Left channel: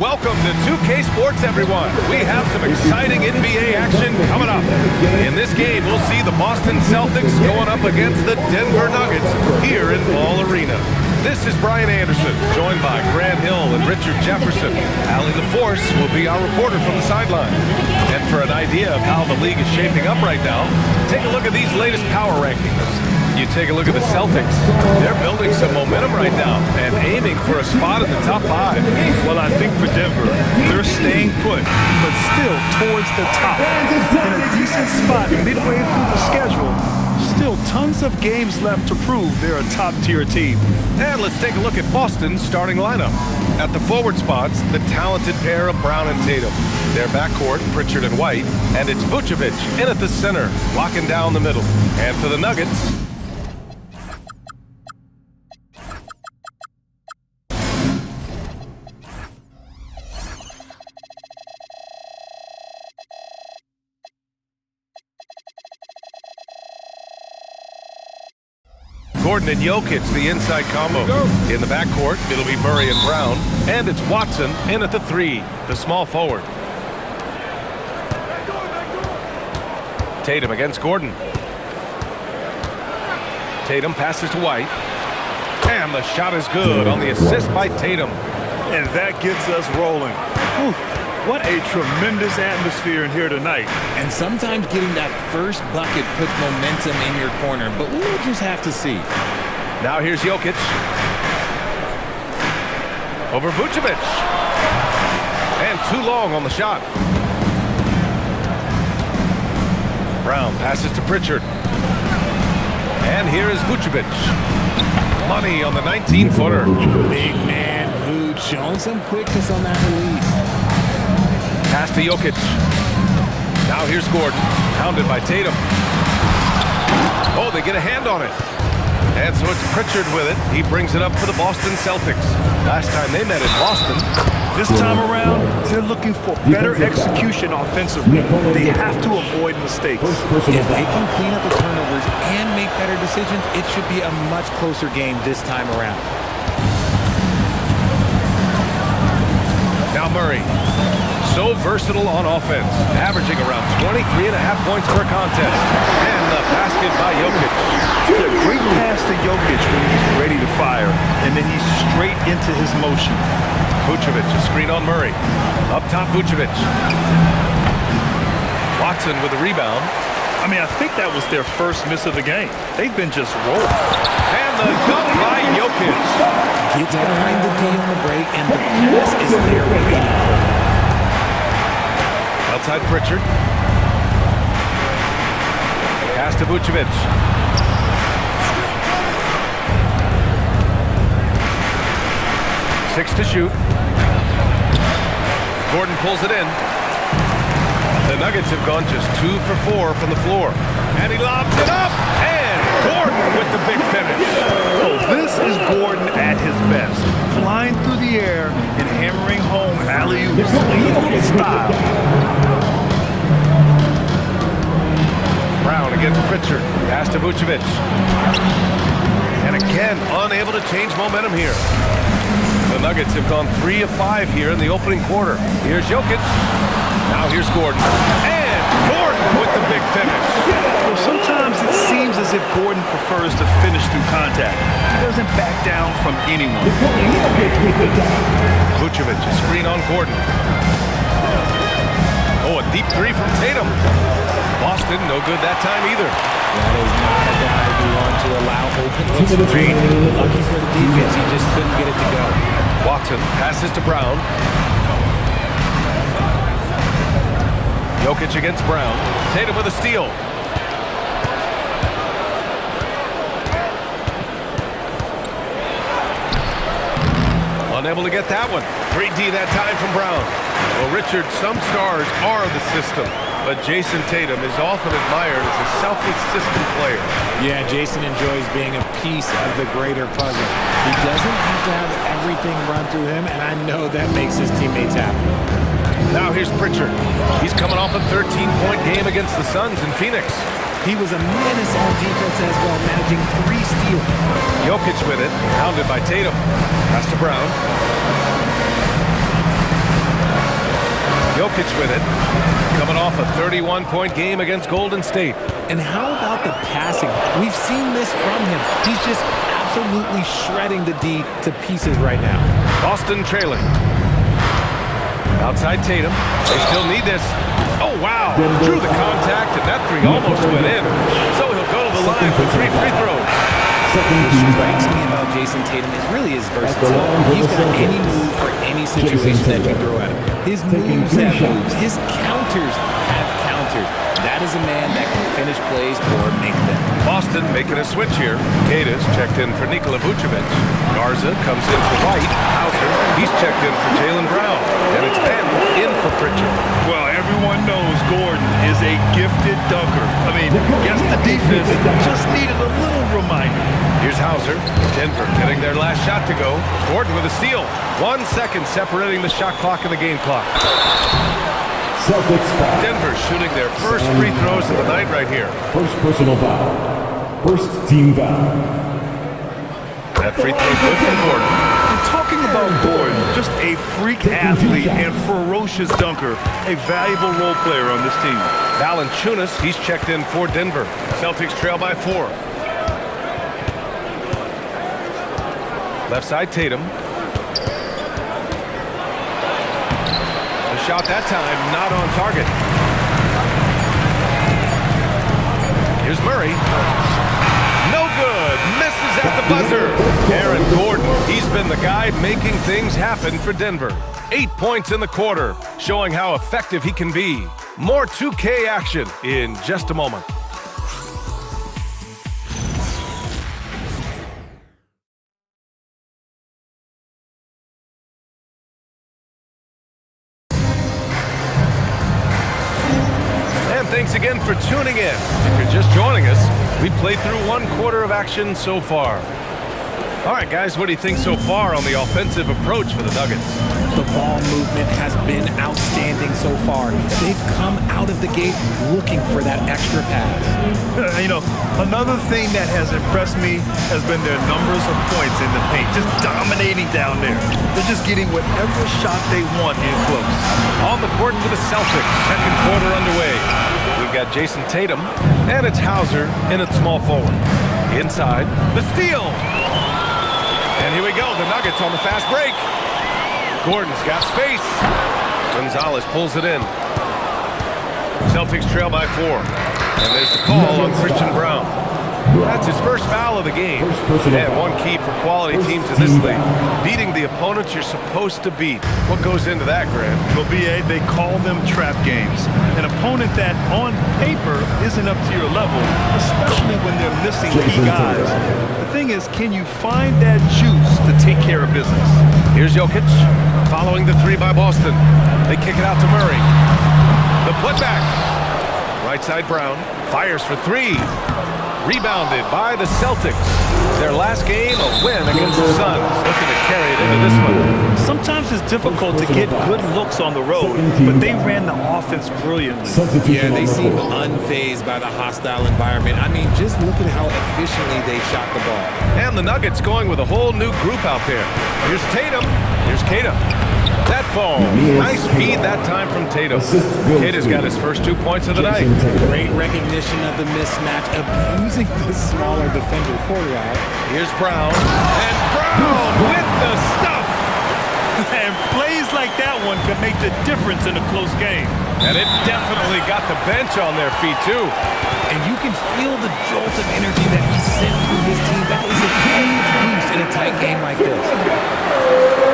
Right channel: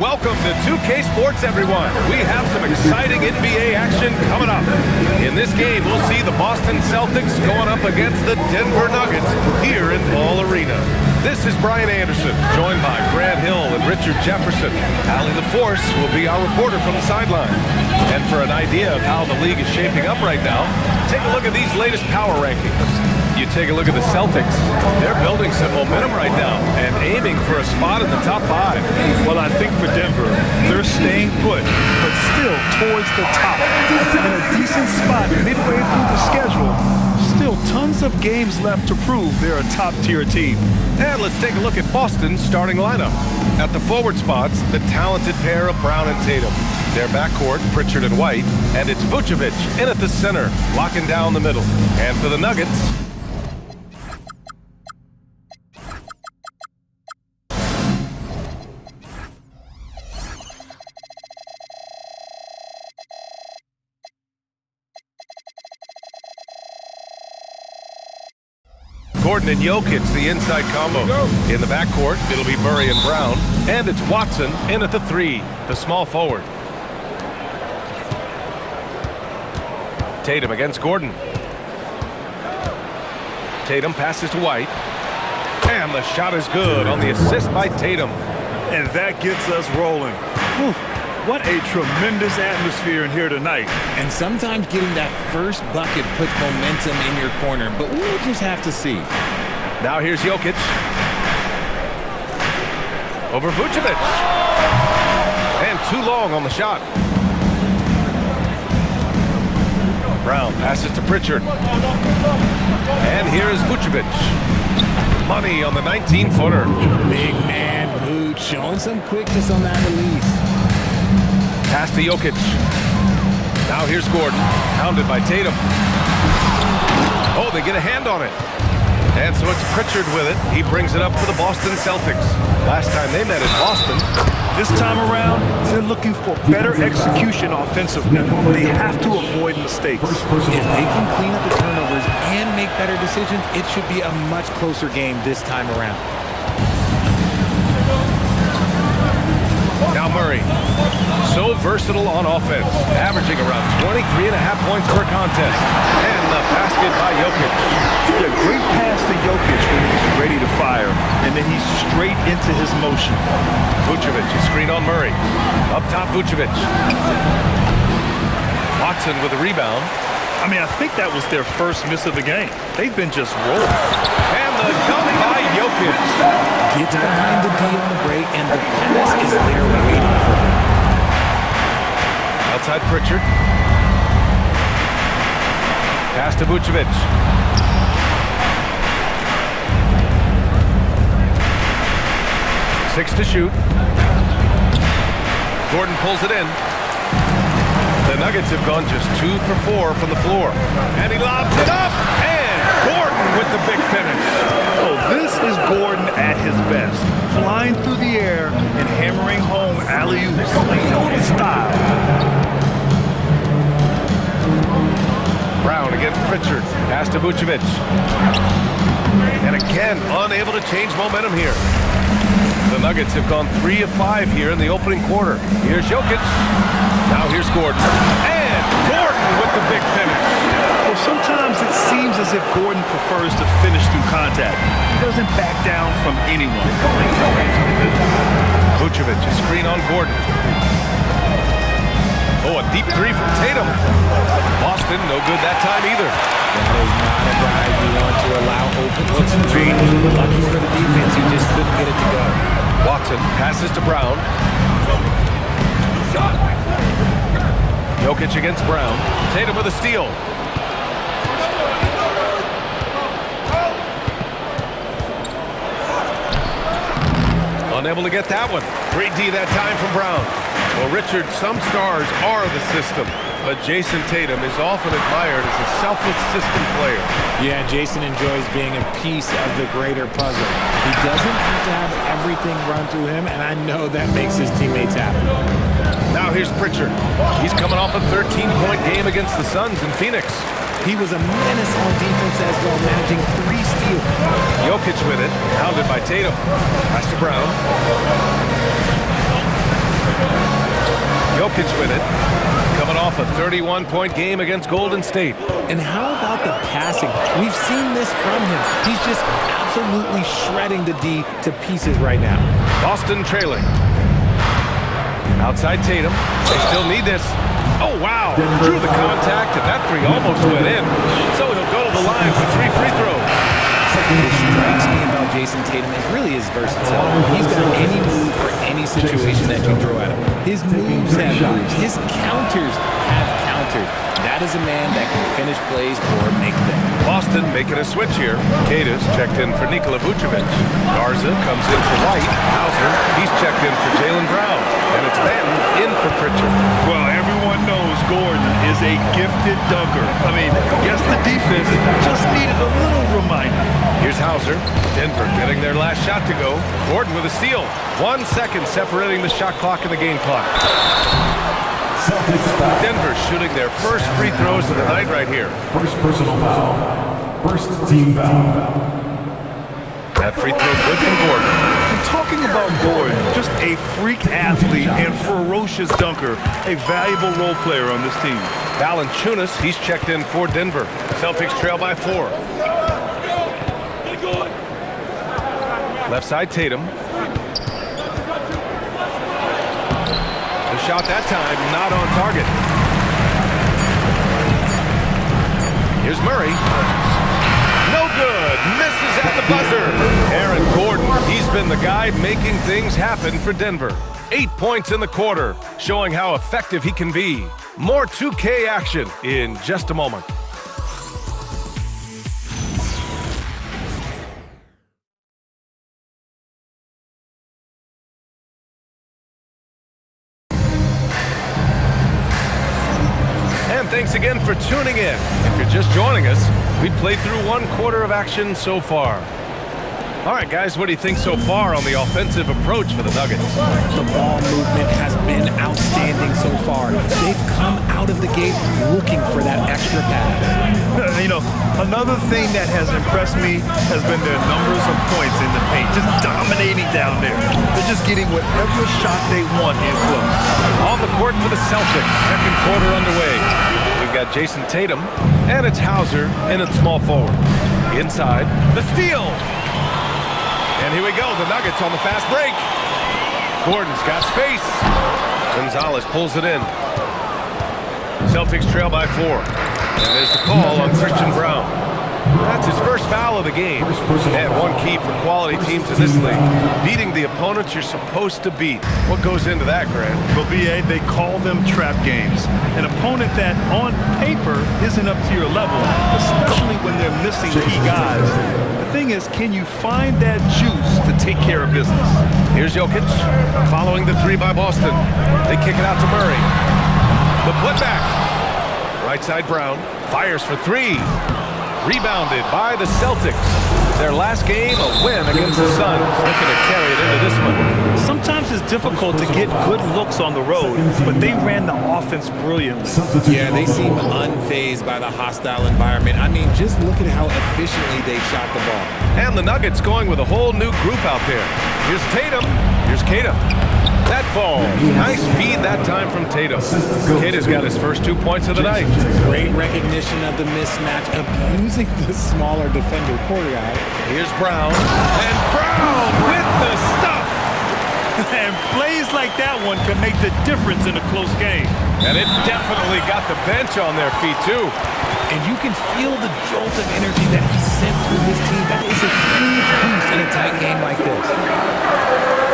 Welcome to 2K Sports, everyone. We have some exciting NBA action coming up. In this game, we'll see the Boston Celtics going up against the Denver Nuggets here in Ball Arena. This is Brian Anderson, joined by Grant Hill and Richard Jefferson. Allie LaForce will be our reporter from the sideline. And for an idea of how the league is shaping up right now, take a look at these latest power rankings. You take a look at the Celtics. They're building some momentum right now and aiming for a spot in the top 5. Well, I think for Denver, they're staying put, but still towards the top. In a decent spot midway through the schedule. Still tons of games left to prove they're a top-tier team. And let's take a look at Boston's starting lineup. At the forward spots, the talented pair of Brown and Tatum. Their backcourt, Pritchard and White, and it's Vucevic in at the center, locking down the middle. And for the Nuggets, Gordon and Jokic, the inside combo. In the backcourt, it'll be Murray and Brown. And it's Watson in at the 3, the small forward. Tatum against Gordon. Tatum passes to White. And the shot is good on the assist by Tatum. And that gets us rolling. Whew. What a tremendous atmosphere in here tonight. And sometimes getting that first bucket puts momentum in your corner, but we'll just have to see. Now here's Jokic. Over Vucevic. And too long on the shot. Brown passes to Pritchard. And here is Vucevic. Money on the 19-footer. Big man Vuce showing some quickness on that release. Pass to Jokic. Now here's Gordon, hounded by Tatum. Oh, they get a hand on it. And so it's Pritchard with it. He brings it up for the Boston Celtics. Last time they met in Boston. This time around, they're looking for better execution offensively. They have to avoid mistakes. If they can clean up the turnovers and make better decisions, it should be a much closer game this time around. Now Murray. So versatile on offense, averaging around 23.5 points per contest. And the basket by Jokic. Yeah, great pass to Jokic when he's ready to fire, and then he's straight into his motion. Vucevic, a screen on Murray. Up top, Vucevic. Watson with the rebound. I mean, I think that was their first miss of the game. They've been just rolling. And the dunk by Jokic. Gets behind the D on the break, and the pass is there waiting for him. Outside Pritchard. Pass to Vucevic. Six to shoot. Gordon pulls it in. The Nuggets have gone just 2 for 4 from the floor. And he lobs it up. And Gordon with the big finish. Oh, this is Gordon at his best. Flying through the air and hammering home alley-oops in style. Brown against Pritchard. Pass to Vucevic. And again, unable to change momentum here. The Nuggets have gone 3 of 5 here in the opening quarter. Here's Jokic. Now here's Gordon. And Gordon with the big finish. Well, sometimes it seems as if Gordon prefers to finish through contact. He doesn't back down from anyone. Vucevic, a screen on Gordon. Oh, a deep 3 from Tatum. Boston, no good that time either. That is not a guy we want to allow open looks for three. Lucky for the defense, he just couldn't get it to go. Watson passes to Brown. Jokic against Brown. Tatum with a steal. Unable to get that one. Great D that time from Brown. Well, Richard, some stars are the system, but Jason Tatum is often admired as a selfless system player. Yeah, Jason enjoys being a piece of the greater puzzle. He doesn't have to have everything run through him, and I know that makes his teammates happy. Now here's Pritchard. He's coming off a 13-point game against the Suns in Phoenix. He was a menace on defense as well, managing 3 steals. Jokic with it, hounded by Tatum. Pass to Brown. Jokic with it. Coming off a 31-point game against Golden State. And how about the passing? We've seen this from him. He's just absolutely shredding the D to pieces right now. Boston trailing. Outside Tatum. They still need this. Oh, wow. Drew the contact, and that three almost went in. So he'll go to the line for 3 free throws. What strikes me about Jason Tatum is really his versatility. He's got any move for any situation that you throw at him. His moves have moves. His counters have counters. That is a man that can finish plays or make them. Boston making a switch here. Kata's checked in for Nikola Vucevic. Garza comes in for White. Hauser, he's checked in for Jaylen Brown. And it's Ben in for Pritchard. Well, everyone knows Gordon is a gifted dunker. I mean, guess the defense just needed a little reminder. Here's Hauser. Denver getting their last shot to go. Gordon with a steal. 1 second separating the shot clock and the game clock. Celtics foul. Denver shooting their first free throws of the night right here. First personal foul. First team foul. That free throw good from Gordon. We're talking about Gordon, just a freak athlete and ferocious dunker, a valuable role player on this team. Valanciunas, he's checked in for Denver. Celtics trail by 4. Left side Tatum. The shot that time not on target. Here's Murray. No good. Misses at the buzzer. Aaron Gordon, he's been the guy making things happen for Denver. 8 points in the quarter, showing how effective he can be. More 2K action in just a moment. And thanks again for tuning in. If you're just joining us, we played through 1 quarter of action so far. All right, guys, what do you think so far on the offensive approach for the Nuggets? The ball movement has been outstanding so far. They've come out of the gate looking for that extra pass. You know, another thing that has impressed me has been their numbers of points in the paint, just dominating down there. They're just getting whatever shot they want in close. On the court for the Celtics, second quarter underway. We've got Jason Tatum, and it's Hauser in at small forward. Inside, the steal. And here we go, the Nuggets on the fast break. Gordon's got space. Gonzalez pulls it in. Celtics trail by 4. And there's the call on Christian Brown. That's his first foul of the game. And one key for quality teams in this league. Beating the opponents you're supposed to beat. What goes into that, Grant? Well, B.A., they call them trap games. An opponent that, on paper, isn't up to your level, especially when they're missing key guys. The thing is, can you find that juice to take care of business? Here's Jokic, following the 3 by Boston. They kick it out to Murray. The putback. Right side Brown, fires for 3. Rebounded by the Celtics. Their last game, a win against the Suns. Looking to carry it into this one. Sometimes it's difficult to get good looks on the road, but they ran the offense brilliantly. Yeah, they seem unfazed by the hostile environment. I mean, just look at how efficiently they shot the ball. And the Nuggets going with a whole new group out there. Here's Tatum. Here's Kata. That falls. Nice feed that time from Tatum. Kata's got his first 2 points of the night. Great recognition of the mismatch, abusing the smaller defender. Poor guy. Here's Brown. And Brown with the stuff. And plays like that one can make the difference in a close game. And it definitely got the bench on their feet, too. And you can feel the jolt of energy that he sent through his team. That is a huge boost in a tight game like this.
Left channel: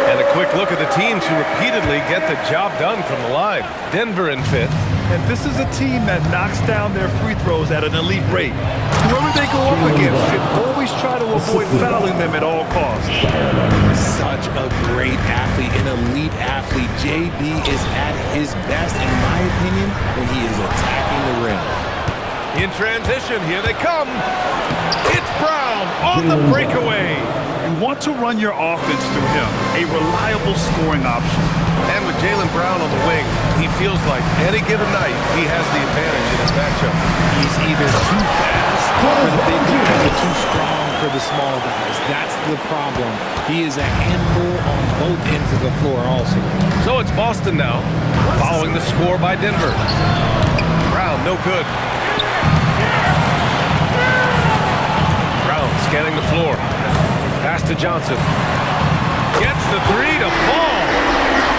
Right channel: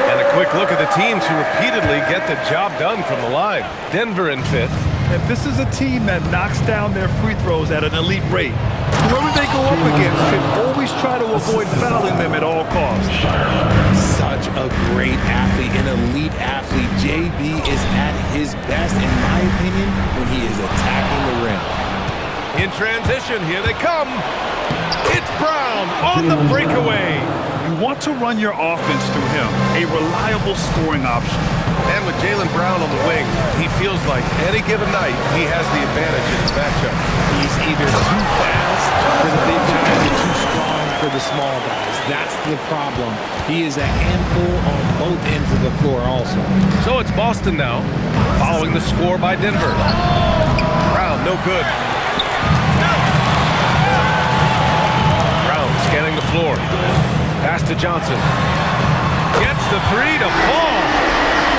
And a quick look at the teams who repeatedly get the job done from the line. Denver in 5th. And this is a team that knocks down their free throws at an elite rate. Whoever they go up against should always try to avoid fouling them at all costs. Such a great athlete, an elite athlete. JB is at his best, in my opinion, when he is attacking the rim. In transition, here they come. It's Brown on the breakaway. You want to run your offense through him, a reliable scoring option. And with Jaylen Brown on the wing, he feels like any given night he has the advantage in his matchup. He's either too fast for the big guys or too strong for the small guys. That's the problem. He is a handful on both ends of the floor also. So it's Boston now, following the score by Denver. Brown, no good. Brown scanning the floor. Pass to Johnson. Gets the three to fall.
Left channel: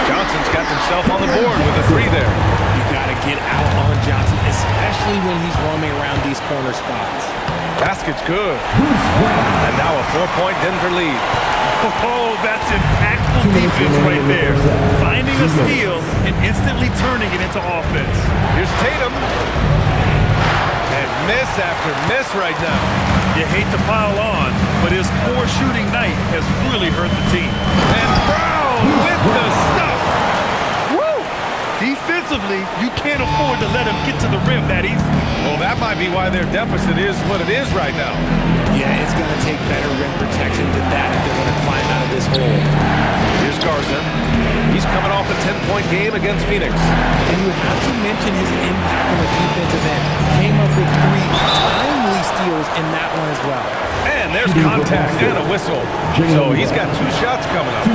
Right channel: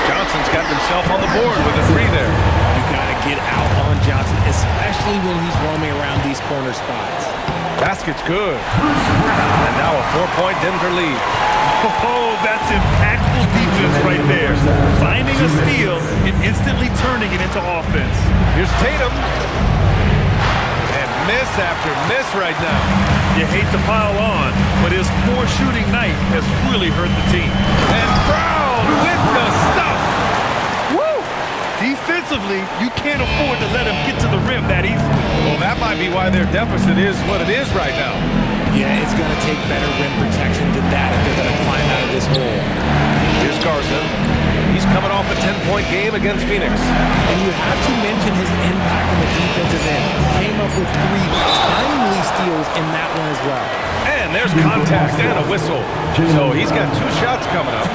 Johnson's got himself on the board with a three there. You got to get out on Johnson, especially when he's roaming around these corner spots. Basket's good. And now a 4-point Denver lead. Oh, that's impactful defense right there. Finding a steal and instantly turning it into offense. Here's Tatum. And miss after miss right now. You hate to pile on, but his poor shooting night has really hurt the team. And Brown with the stuff. Woo! Defensively, you can't afford to let him get to the rim that easily. Well, that might be why their deficit is what it is right now. Yeah, it's going to take better rim protection than that if they're going to climb out of this hole. Here's Garza. He's coming off a 10-point game against Phoenix. And you have to mention his impact on the defensive end. Came up with 3 timely steals in that one as well. And there's contact and a whistle. So he's got 2 shots coming up.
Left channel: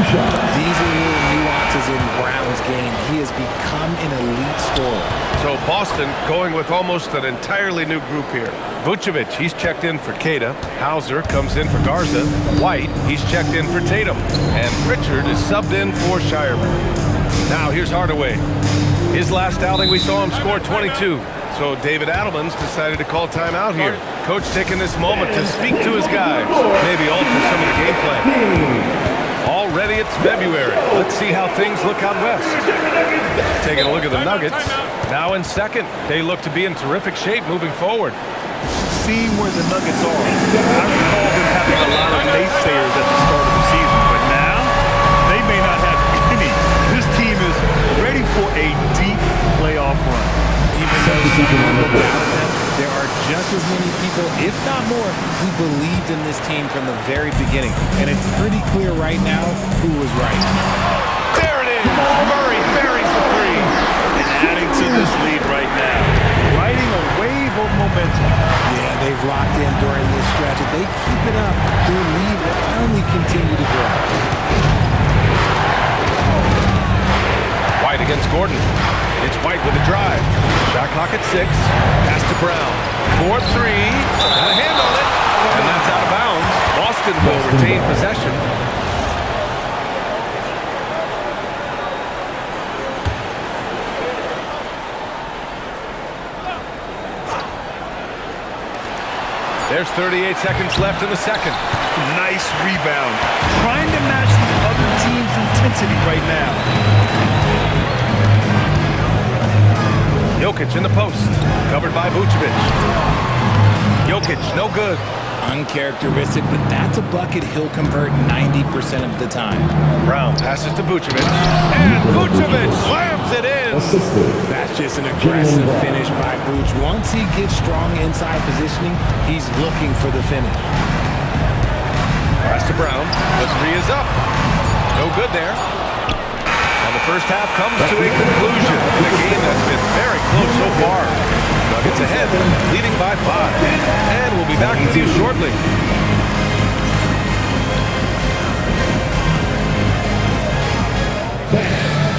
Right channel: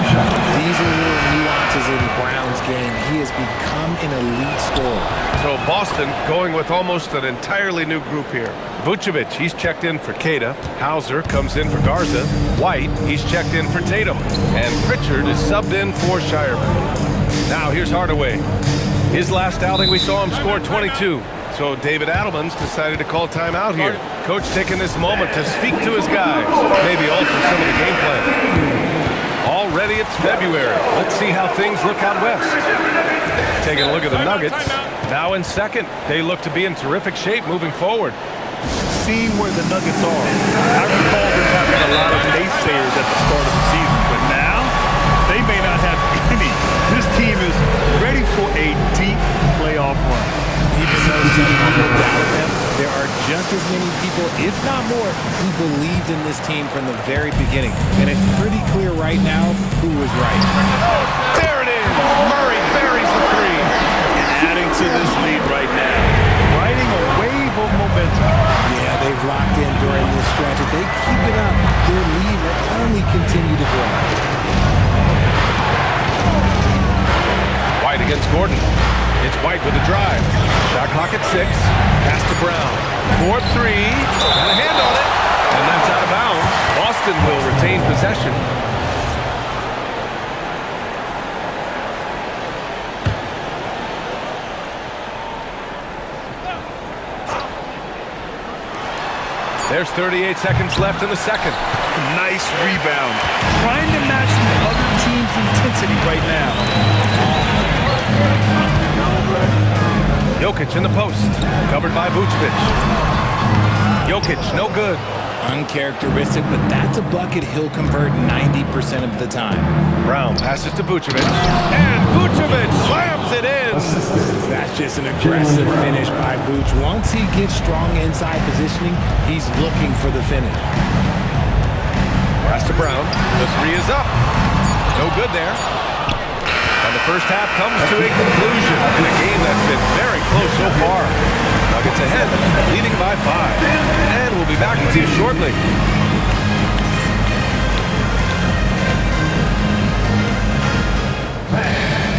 These are little nuances in Brown's game. He has become an elite scorer. So Boston going with almost an entirely new group here. Vucevic, he's checked in for Queta. Hauser comes in for Garza. White, he's checked in for Tatum. And Pritchard is subbed in for Shireman. Now here's Hardaway. His last outing, we saw him score 22. So David Adelman's decided to call timeout here. Coach taking this moment to speak to his guys. Maybe alter some of the game plan. Already it's February. Let's see how things look out west. Taking a look at the Nuggets. Now in second. They look to be in terrific shape moving forward. Seeing where the Nuggets are, I recall them having a lot of naysayers at the start of the season, but now they may not have any. This team is ready for a deep playoff run. Even though some people doubted them, there are just as many people, if not more, who believed in this team from the very beginning. And it's pretty clear right now who was right. There it is! Murray buries the three. And adding to this lead right now, riding a wave of momentum. Yeah, they've locked in during this stretch. If they keep it up, their lead will only continue to grow. White against Gordon. It's White with a drive. Shot clock at 6. Pass to Brown. 4-3. Got a hand on it. And that's out of bounds. Boston will retain possession. There's 38 seconds left in the second. Nice rebound. Trying to match the other team's intensity right now. Jokic in the post. Covered by Vucevic. Jokic, no good. Uncharacteristic, but that's a bucket he'll convert 90% of the time. Brown passes to Vucevic. And Vucevic slams it in. That's just an aggressive finish by Vuce. Once he gets strong inside positioning, he's looking for the finish. Pass to Brown. The three is up. No good there. And the first half comes to a conclusion in a game that's been very close so far. Nuggets ahead, leading by 5. And we'll be back with you shortly.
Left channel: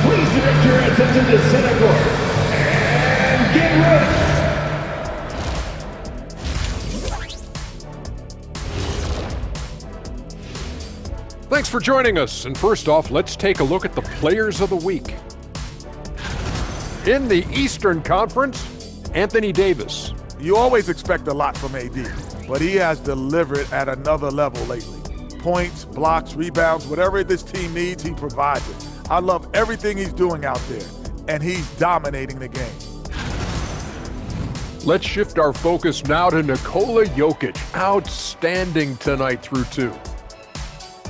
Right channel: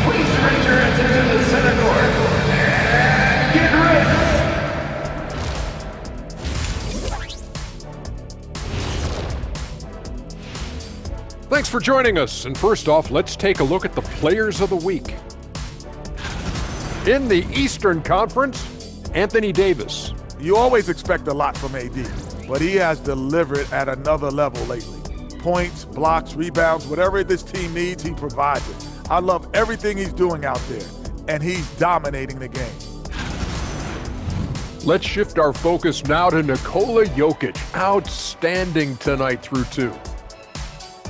Please direct your attention to center court and get ready. Thanks for joining us, and first off, let's take a look at the Players of the Week. In the Eastern Conference, Anthony Davis. You always expect a lot from AD, but he has delivered at another level lately. Points, blocks, rebounds, whatever this team needs, he provides it. I love everything he's doing out there, and he's dominating the game. Let's shift our focus now to Nikola Jokic. Outstanding tonight through 2.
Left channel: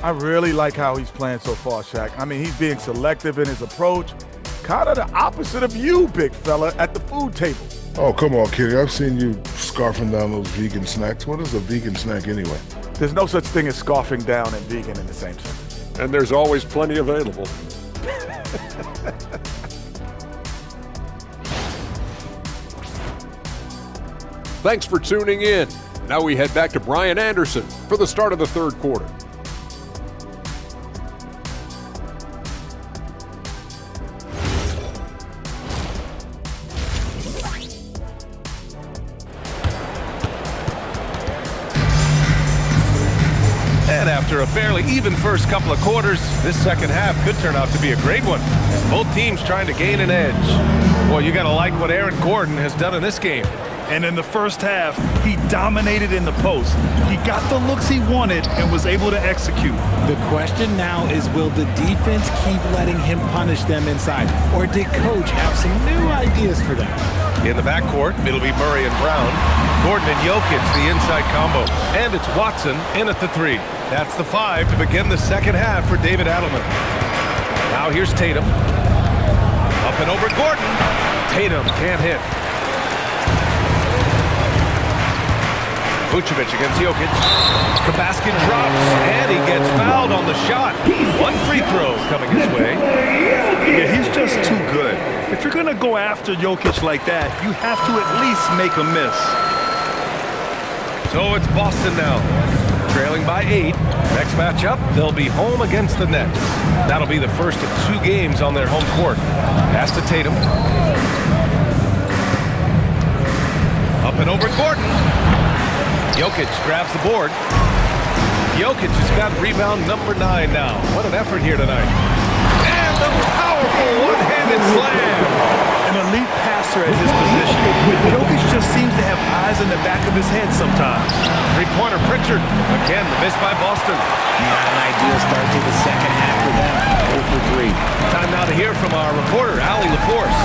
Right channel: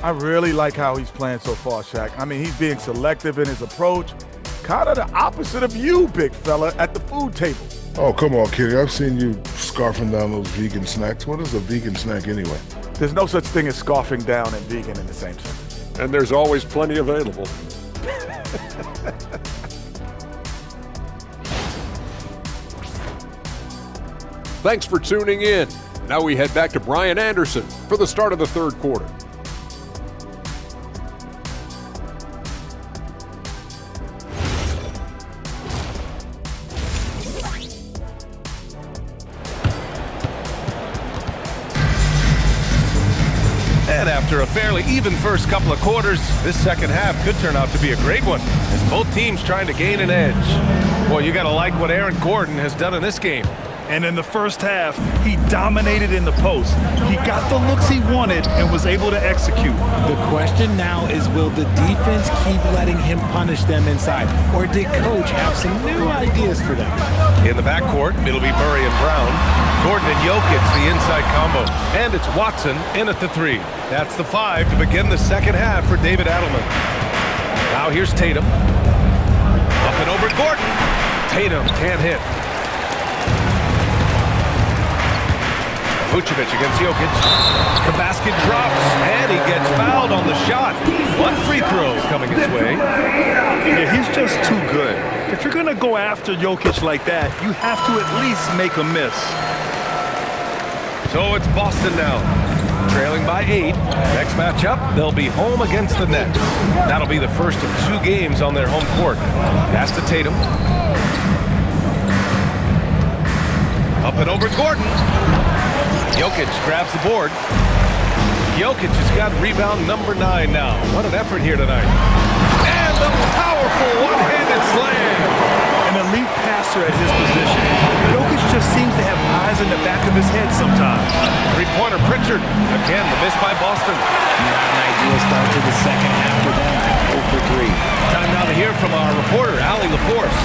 I really like how he's playing so far, Shaq. I mean, he's being selective in his approach. Kind of the opposite of you, big fella, at the food table. Oh, come on, Kenny. I've seen you scarfing down those vegan snacks. What is a vegan snack anyway? There's no such thing as scarfing down and vegan in the same sentence. And there's always plenty available. Thanks for tuning in. Now we head back to Brian Anderson for the start of the third quarter. And after a fairly even first couple of quarters, this second half could turn out to be a great one, as both teams trying to gain an edge. Boy, you got to like what Aaron Gordon has done in this game. And in the first half, he dominated in the post. He got the looks he wanted and was able to execute. The question now is, will the defense keep letting him punish them inside? Or did Coach have some new ideas for them? In the backcourt, it'll be Murray and Brown. Gordon and Jokic, the inside combo. And it's Watson in at the 3. That's the 5 to begin the second half for David Adelman. Now here's Tatum. Up and over Gordon. Tatum can't hit. Vucevic against Jokic. The basket drops, and he gets fouled on the shot. One free throw coming his way. Yeah, he's just too good. If you're going to go after Jokic like that, you have to at least make a miss. So it's Boston now, trailing by 8. Next matchup, they'll be home against the Nets. That'll be the first of 2 games on their home court. Pass to Tatum. Up and over Gordon. Jokic grabs the board. Jokic has got rebound number 9 now. What an effort here tonight. And a powerful one-handed slam. An elite passer at his position. Jokic just seems to have eyes in the back of his head sometimes. Three-pointer Pritchard. Again, the miss by Boston. Not an ideal start to the second half for them. 0 for 3. Time now to hear from our reporter, Allie LaForce.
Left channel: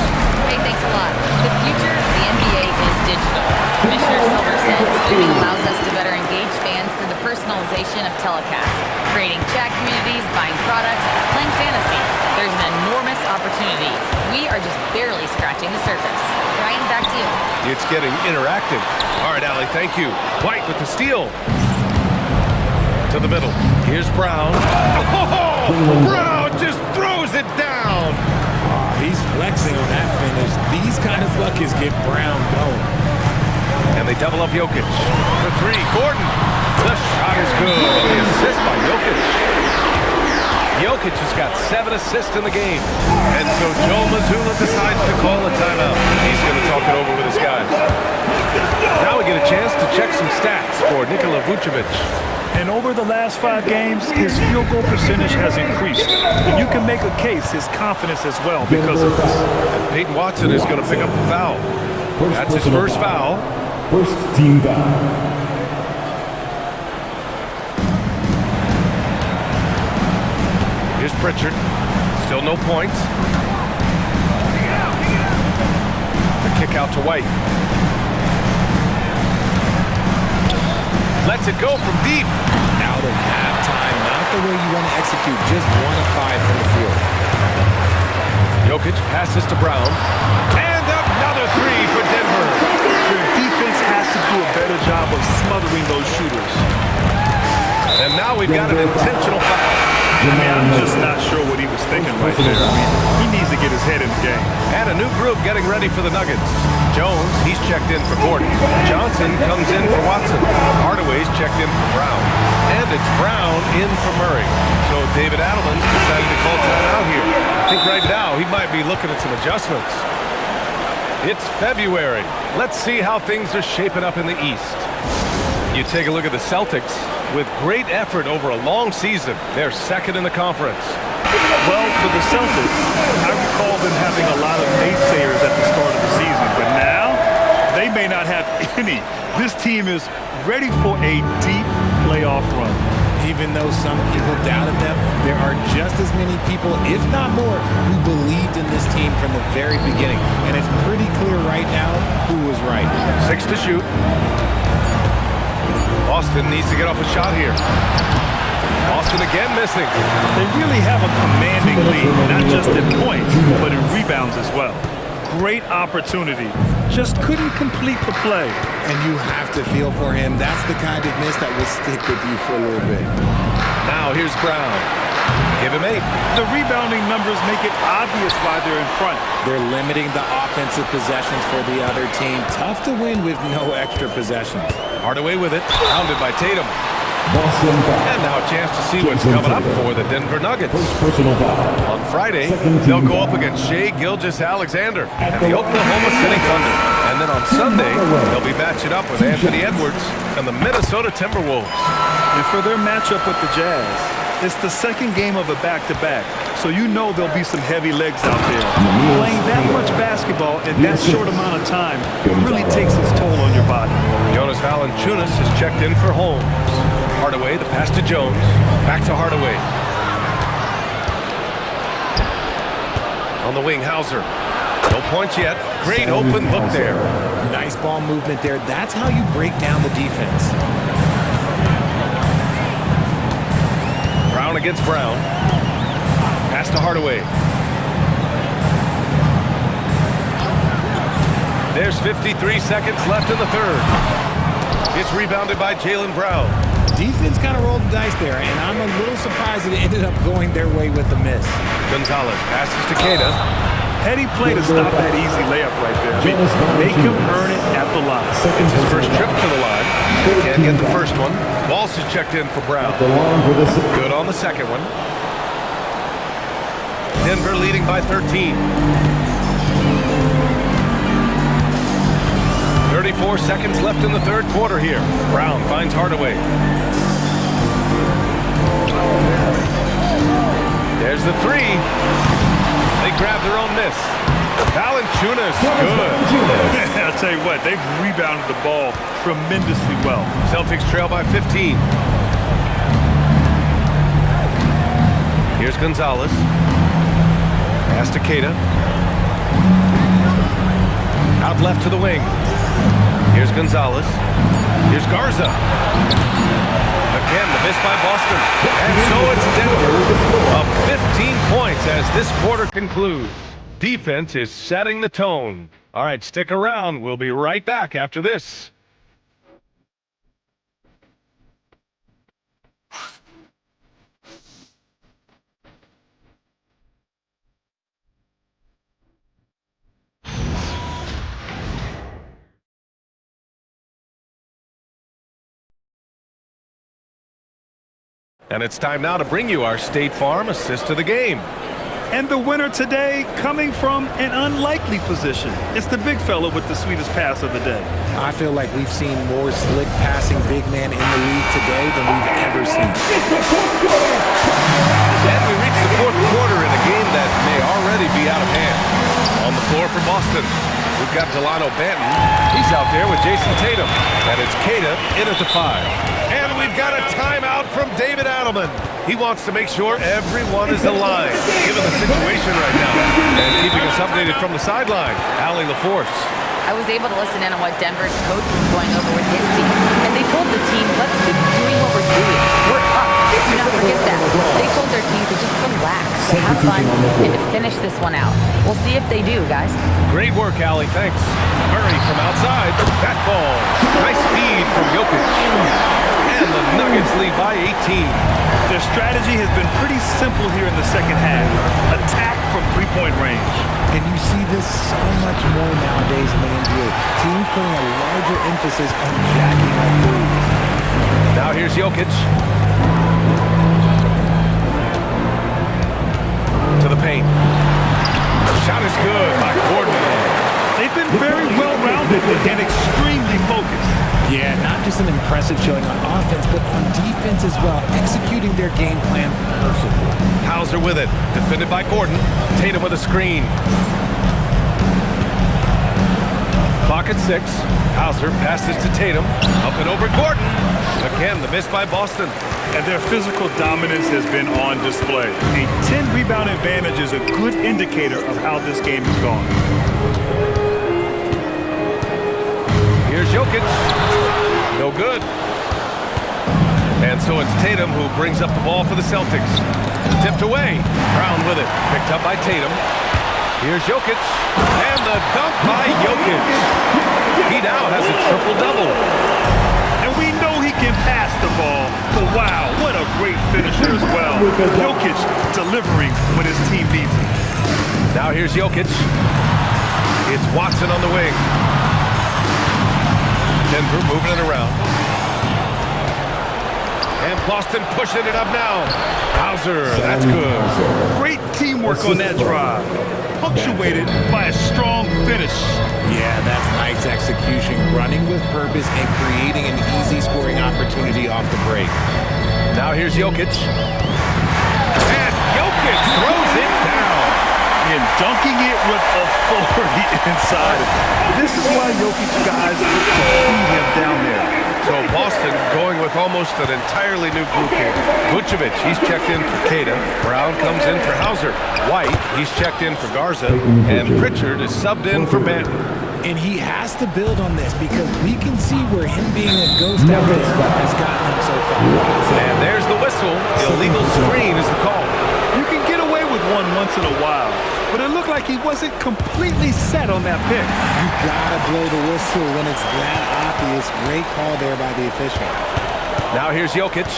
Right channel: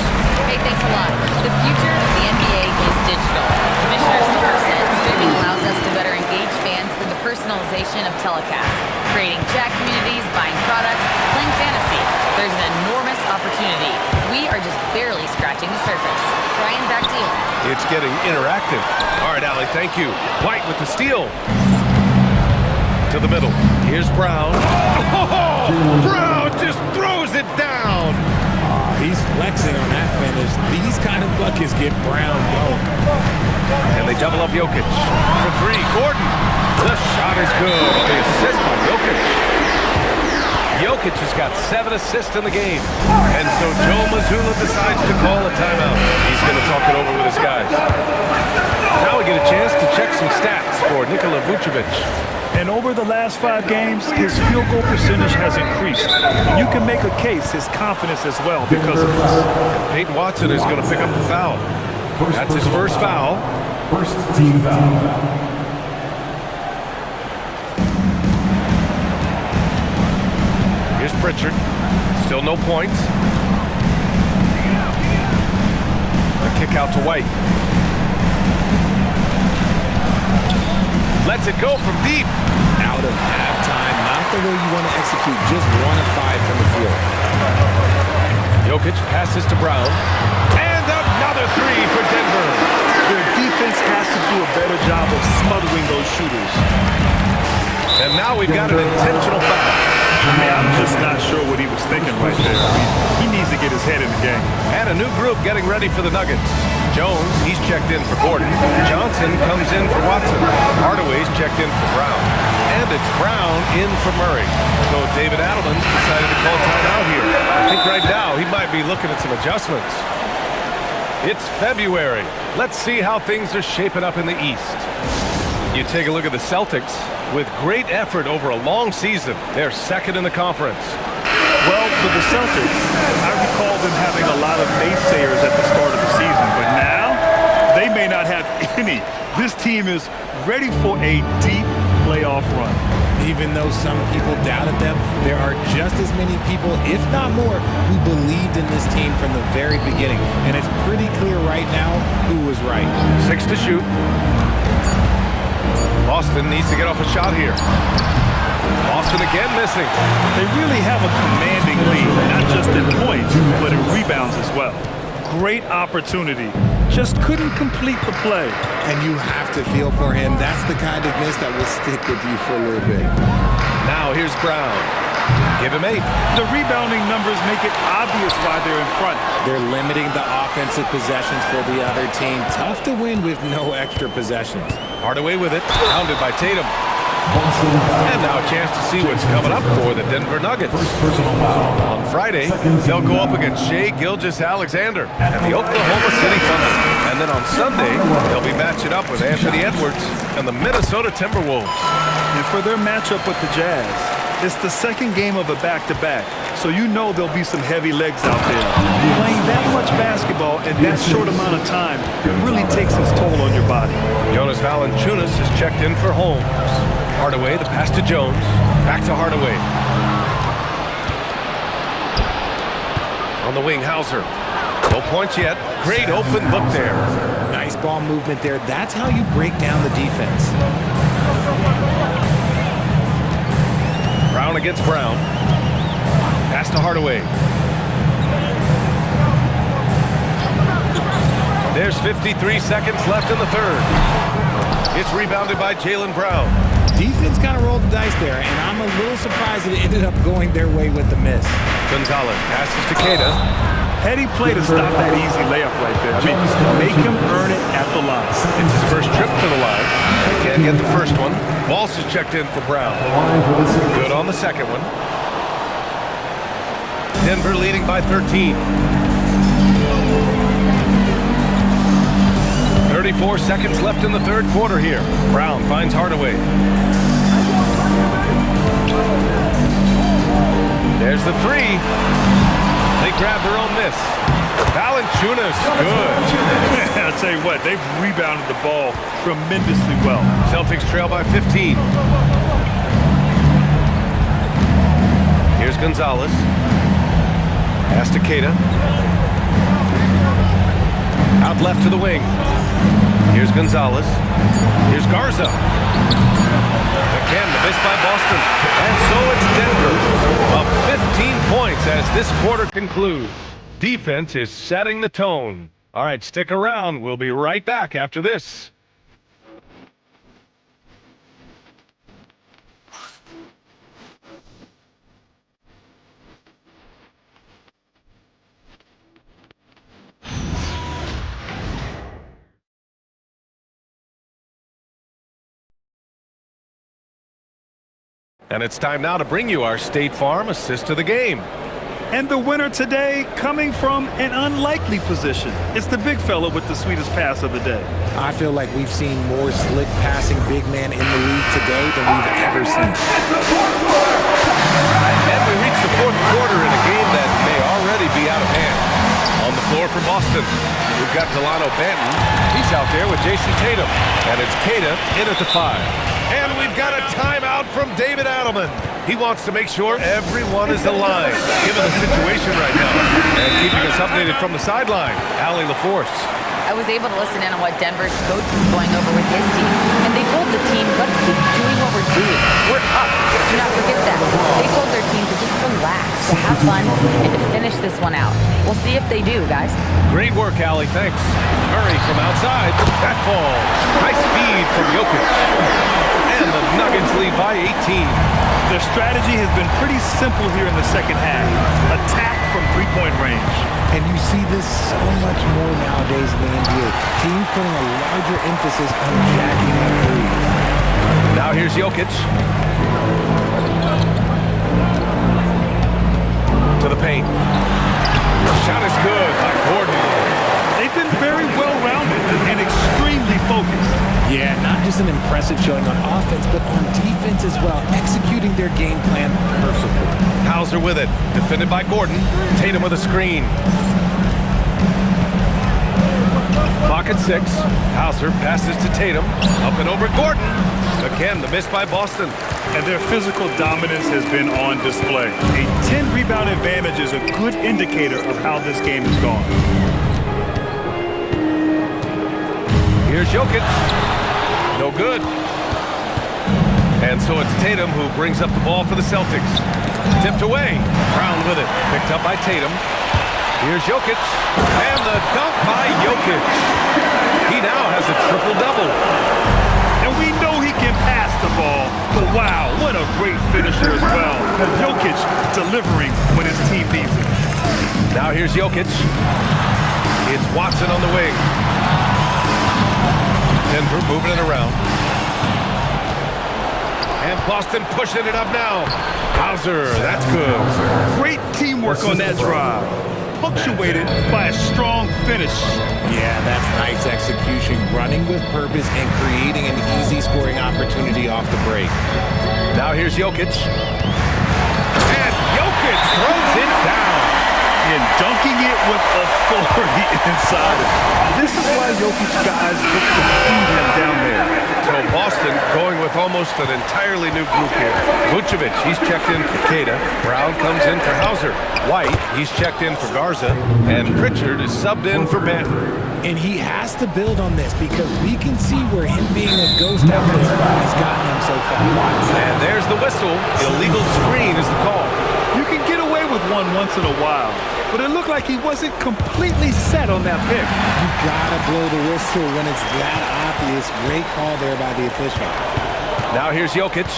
Hey, thanks a lot. The future of the NBA is digital. Commissioner Silver said streaming allows us to better engage fans through the personalization of telecasts, creating chat communities, buying products, playing fantasy. There's an enormous opportunity. We are just barely scratching the surface. Brian, back to you. It's getting interactive. All right, Allie, thank you. White with the steal. To the middle. Here's Brown. Oh, Brown just throws it down. Oh, he's flexing on that finish. These kind of buckets get Brown going. And they double up Jokic. For 3, Gordon. The shot is good on the assist by Jokic. Jokic has got 7 assists in the game. And so Joe Mazzulla decides to call a timeout. He's going to talk it over with his guys. Now we get a chance to check some stats for Nikola Vucevic. And over the last 5 games, his field goal percentage has increased. And you can make a case, his confidence as well, because of this. And Peyton Watson is going to pick up the foul. That's his first foul. First team foul. Here's Pritchard. Still no points. The kick out to White. Lets it go from deep. Out of halftime, not the way you want to execute, just 1 of 5 from the field. Jokic passes to Brown. And another 3 for Denver. Their defense has to do a better job of smothering those shooters. And now we've got an intentional foul. I mean, I'm just not sure what he was thinking right there. I mean, he needs to get his head in the game. And a new group getting ready for the Nuggets. Jones, he's checked in for Gordon. Johnson comes in for Watson. Hardaway's checked in for Brown. And it's Brown in for Murray. So David Adelman's decided to call timeout here. I think right now he might be looking at some adjustments. It's February. Let's see how things are shaping up in the East. You take a look at the Celtics. With great effort over a long season, they're second in the conference. Well, for the Celtics, I recall them having a lot of naysayers at the start of the season, but now they may not have any. This team is ready for a deep playoff run. Even though some people doubted them, there are just as many people, if not more, who believed in this team from the very beginning. And it's pretty clear right now who was right. 6 to shoot. Boston needs to get off a shot here. Boston again missing. They really have a commanding lead, not just in points, but in rebounds as well. Great opportunity. Just couldn't complete the play. And you have to feel for him. That's the kind of miss that will stick with you for a little bit. Now here's Brown. Give him 8. The rebounding numbers make it obvious why they're in front. They're limiting the offensive possessions for the other team. Tough to win with no extra possessions. Hardaway with it, pounded by Tatum. And now a chance to see what's coming up for the Denver Nuggets. On Friday, they'll go up against Shai Gilgeous-Alexander and the Oklahoma City Thunder. And then on Sunday, they'll be matching up with Anthony Edwards and the Minnesota Timberwolves. And for their matchup with the Jazz, it's the second game of a back-to-back, so you know there'll be some heavy legs out there. Playing that much basketball in that short amount of time really takes its toll on your body. Jonas Valanciunas has checked in for Holmes. Hardaway, the pass to Jones. Back to Hardaway. On the wing, Hauser. No points yet. Great open look there. Nice ball movement there. That's how you break down the defense. Brown against Brown. Pass to Hardaway. There's 53 seconds left in the third. It's rebounded by Jaylen Brown. Defense kind of rolled the dice there, and I'm a little surprised it ended up going their way with the miss. Gonzalez passes to Queta. Heady play to stop that easy layup right there. I mean, make him earn it at the line. It's his first trip to the line. They can't get the first one. Walsh is checked in for Brown. Good on the second one. Denver leading by 13. 34 seconds left in the third quarter here. Brown finds Hardaway. There's the three. They grab their own miss. Valanciunas, good. I'll tell you what, they've rebounded the ball tremendously well. Celtics trail by 15. Here's Gonzalez. Pass to Queta. Out left to the wing. Here's Gonzalez. Here's Garza. Again, the miss by Boston. And so it's Denver up 15 points as this quarter concludes. Defense is setting the tone. All right, stick around. We'll be right back after this. And it's time now to bring you our State Farm assist of the game. And the winner today coming from an unlikely position. It's the big fella with the sweetest pass of the day. I feel like we've seen more slick passing big man in the league today than we've ever seen. And we reach the fourth quarter in a game that may already be out of hand. On the floor for Boston, we've got Delano Banton. He's out there with Jason Tatum. And it's Queta in at the 5. And we've got a timeout from David Adelman. He wants to make sure everyone is aligned, given the situation right now. And keeping us updated from the sideline, Allie LaForce. I was able to listen in on what Denver's coach was going over with his team. And they told the team, let's keep doing what we're doing. We're up. Do not forget that. They told their team to just relax, to have fun, and to finish this one out. We'll see if they do, guys. Great work, Allie. Thanks. Murray from outside. That falls. Nice feed from Jokic. And the Nuggets lead by 18. Their strategy has been pretty simple here in the second half. Attack from three-point range. And you see this so much more nowadays in the NBA. Teams putting a larger emphasis on jacking up threes. Now here's Jokic. To the paint. The shot is good by Gordon. They've been very well-rounded and extremely focused. Yeah, not just an impressive showing on offense, but on defense as well, executing their game plan perfectly. Hauser with it, defended by Gordon. Tatum with a screen. Clock at 6. Hauser passes to Tatum. Up and over Gordon. Again, the miss by Boston. And their physical dominance has been on display. A 10-rebound advantage is a good indicator of how this game has gone. Here's Jokic. No good. And so it's Tatum who brings up the ball for the Celtics. Tipped away. Brown with it. Picked up by Tatum. Here's Jokic. And the dunk by Jokic. He now has a triple-double. And And we know he can pass the ball, but wow, what a great finisher as well. Jokic delivering when his team needs him. Now here's Jokic. It's Watson on the wing. Denver moving it around. And Boston pushing it up now. Hauser, that's good. Great teamwork on that drive, punctuated by a strong finish. Yeah, that's nice execution, running with purpose and creating an easy scoring opportunity off the break. Now here's Jokic. And Jokic throws it down. And dunking it with authority inside of it. This is why Jokic guys look to feed him down there. So Boston going with almost an entirely new group here. Vucevic, he's checked in for Queta. Brown comes in for Hauser. White, he's checked in for Garza. And Pritchard is subbed in for Banton. And he has to build on this because we can see where him being a ghost out there has gotten him so far. And there's the whistle. Illegal screen is the call. You can get away with one once in a while, but it looked like he wasn't completely set on that pick. You gotta blow the whistle when it's that obvious. Great call there by the official. Now here's Jokic.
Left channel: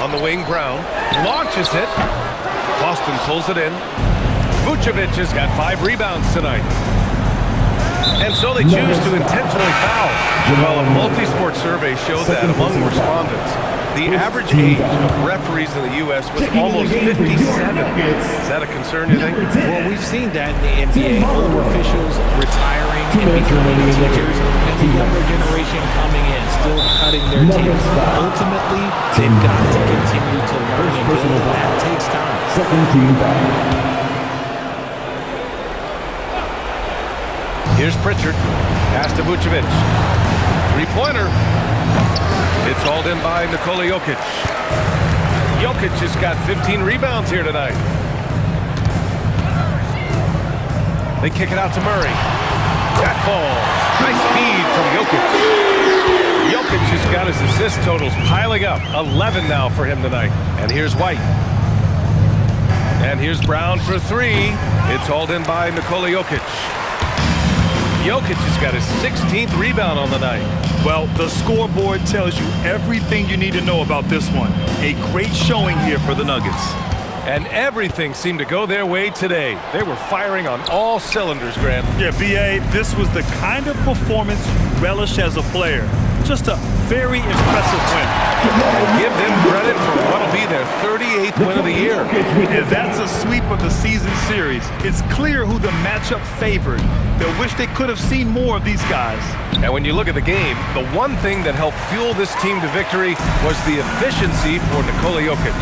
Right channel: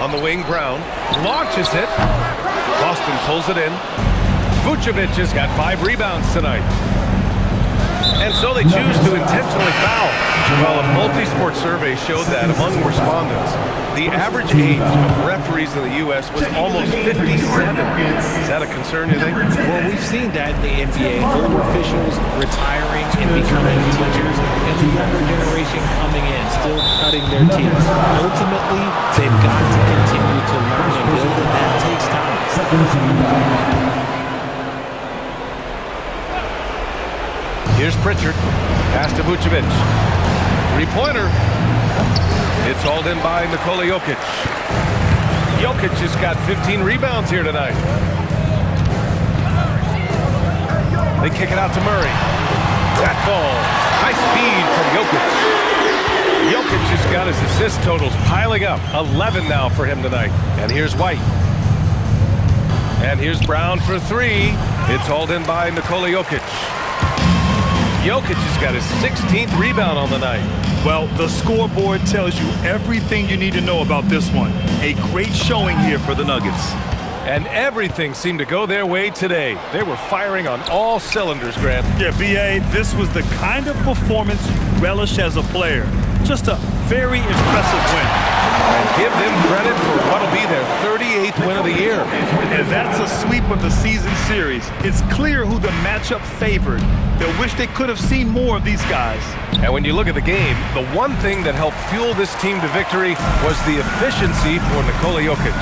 On the wing, Brown launches it. Boston pulls it in. Vucevic has got 5 rebounds tonight. And so they choose to intentionally foul. Well, a multi-sport survey showed that among respondents, the average age of referees in the U.S. was almost 57. Is that a concern, you think? Well, we've seen that in the NBA. Older officials retiring and becoming teachers, and the younger generation coming in, still cutting their teeth. Ultimately, they've got to continue to learn and build, and that takes time. Here's Pritchard. Pass to Vucevic. Three-pointer. It's hauled in by Nikola Jokic. Jokic has got 15 rebounds here tonight. They kick it out to Murray. That falls. Nice feed from Jokic. Jokic has got his assist totals piling up. 11 now for him tonight. And here's White. And here's Brown for 3. It's hauled in by Nikola Jokic. Jokic has got his 16th rebound on the night. Well, the scoreboard tells you everything you need to know about this one. A great showing here for the Nuggets. And everything seemed to go their way today. They were firing on all cylinders, Grant. Yeah, B.A., this was the kind of performance you relish as a player. Just a very impressive win. And give them credit for what'll be their 38th win of the year. And that's a sweep of the season series. It's clear who the matchup favored. They'll wish they could have seen more of these guys. And when you look at the game, the one thing that helped fuel this team to victory was the efficiency for Nikola Jokic.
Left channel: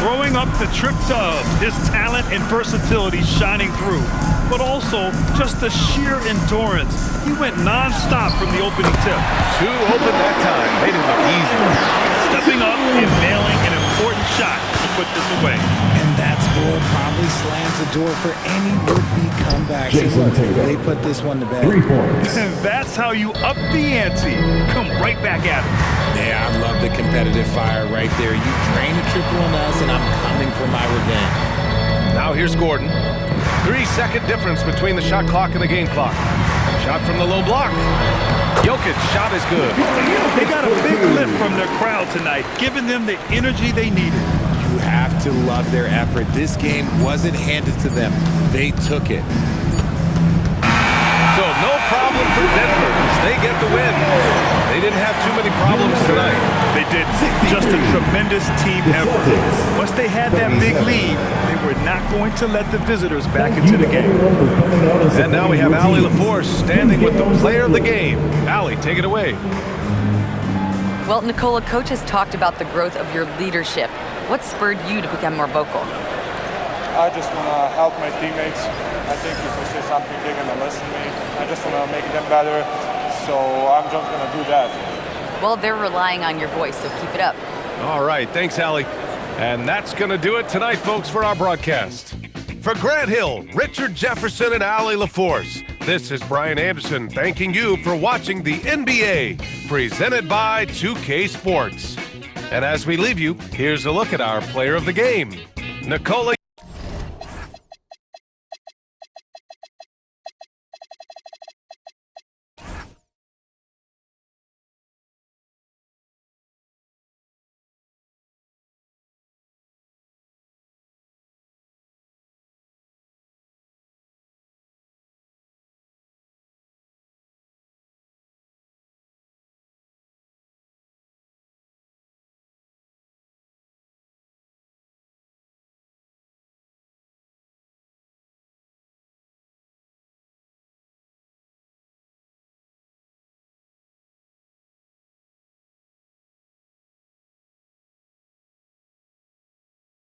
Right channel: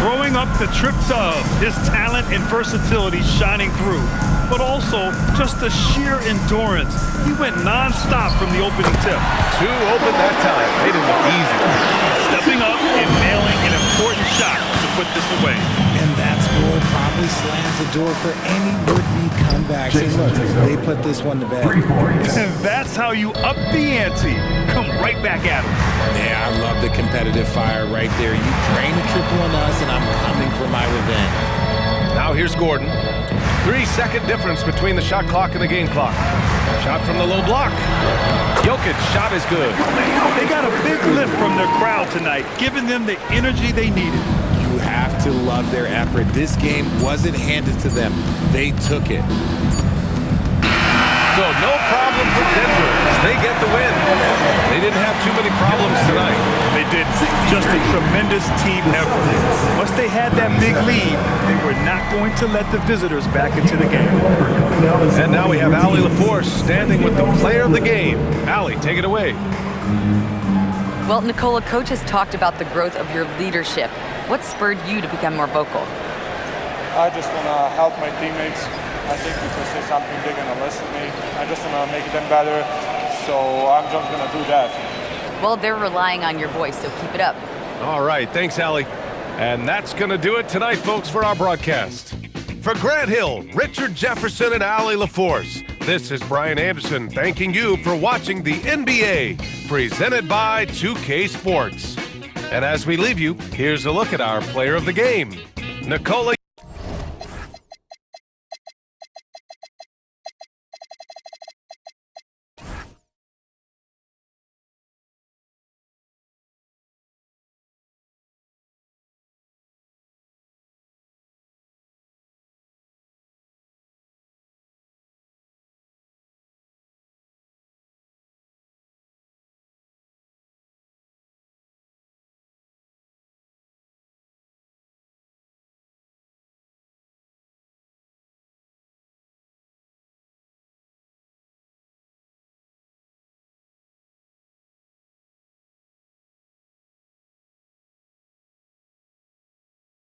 Throwing up the trip dub, his talent and versatility shining through, but also just the sheer endurance. He went non-stop from the opening tip. 2 open that time. They didn't look easy. Stepping up and nailing an important shot to put this away. And that score probably slams the door for any would-be comebacks. And look, they put this one to bed. And that's how you up the ante. Come right back at him. Yeah, I love the competitive fire right there. You drain a triple on us, and I'm coming for my revenge. Now here's Gordon. 3-second difference between the shot clock and the game clock. Shot from the low block. Jokic shot is good. They got a big lift from their crowd tonight, giving them the energy they needed. You have to love their effort. This game wasn't handed to them. They took it. So no problem for Denver as they get the win. They didn't have too many problems tonight. They didn't. Just a tremendous team effort. Once they had that big lead, they were not going to let the visitors back into the game. And now we have Allie LaForce standing with the player of the game. Allie, take it away. Well, Nikola, coach has talked about the growth of your leadership. What spurred you to become more vocal? I just want to help my teammates. I think if I say something, they're going to listen to me. I just want to make them better, so I'm just going to do that. Well, they're relying on your voice, so keep it up. All right, thanks, Allie. And that's going to do it tonight, folks, for our broadcast. For Grant Hill, Richard Jefferson, and Allie LaForce, this is Brian Anderson thanking you for watching the NBA, presented by 2K Sports. And as we leave you, here's a look at our player of the game, Nikola